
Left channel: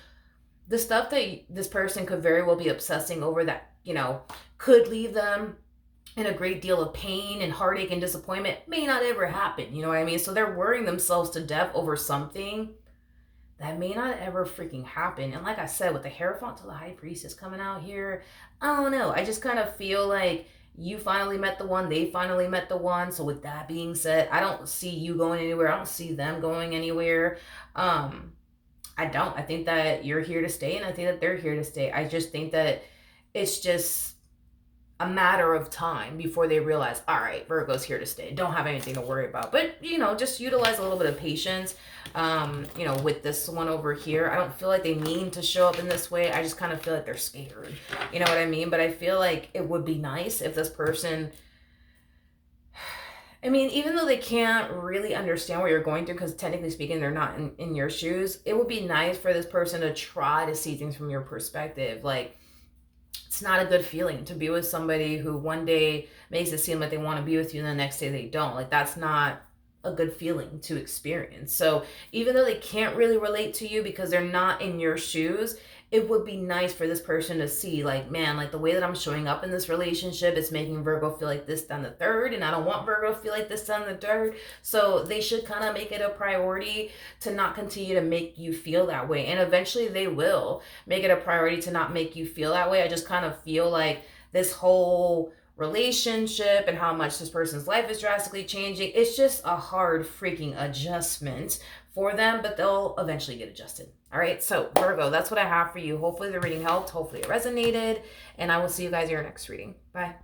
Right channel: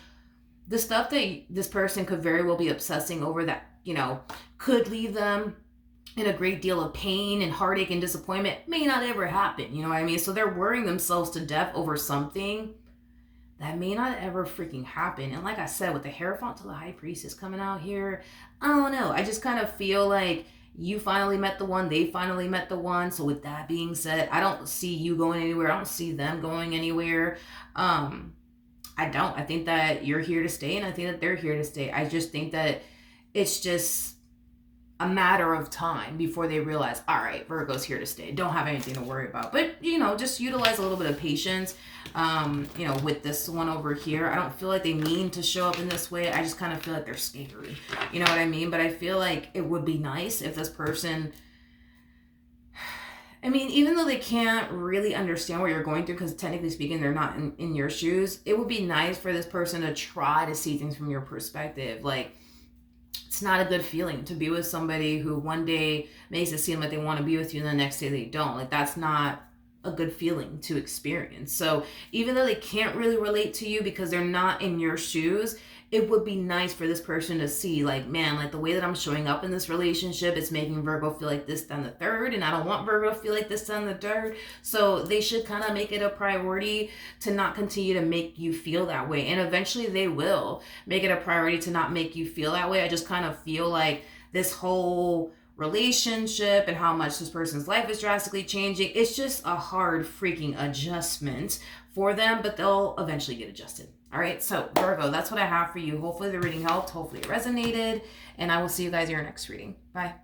the stuff that this person could very well be obsessing over that, you know, could leave them in a great deal of pain and heartache and disappointment may not ever happen. You know what I mean? So they're worrying themselves to death over something that may not ever freaking happen. And like I said, with the Hierophant to the High Priestess coming out here, I don't know. I just kind of feel like you finally met the one, they finally met the one. So with that being said, I don't see you going anywhere. I don't see them going anywhere. I don't. I think that you're here to stay, and I think that they're here to stay. I just think that it's just a matter of time before they realize, all right, Virgo's here to stay. Don't have anything to worry about. But, just utilize a little bit of patience, with this one over here. I don't feel like they mean to show up in this way. I just kind of feel like they're scared. You know what I mean? But I feel like it would be nice if this person, even though they can't really understand what you're going through, because technically speaking, they're not in your shoes, it would be nice for this person to try to see things from your perspective. Like, it's not a good feeling to be with somebody who one day makes it seem like they want to be with you and the next day they don't. Like, that's not a good feeling to experience. So even though they can't really relate to you because they're not in your shoes, it would be nice for this person to see, like, man, like the way that I'm showing up in this relationship is making Virgo feel like this, down the third, and I don't want Virgo to feel like this, down the third. So they should kind of make it a priority to not continue to make you feel that way. And eventually they will make it a priority to not make you feel that way. I just kind of feel like this whole relationship and how much this person's life is drastically changing, it's just a hard freaking adjustment for them, but they'll eventually get adjusted. All right, so Virgo, that's what I have for you. Hopefully the reading helped. Hopefully it resonated. And I will see you guys in your next reading. Bye.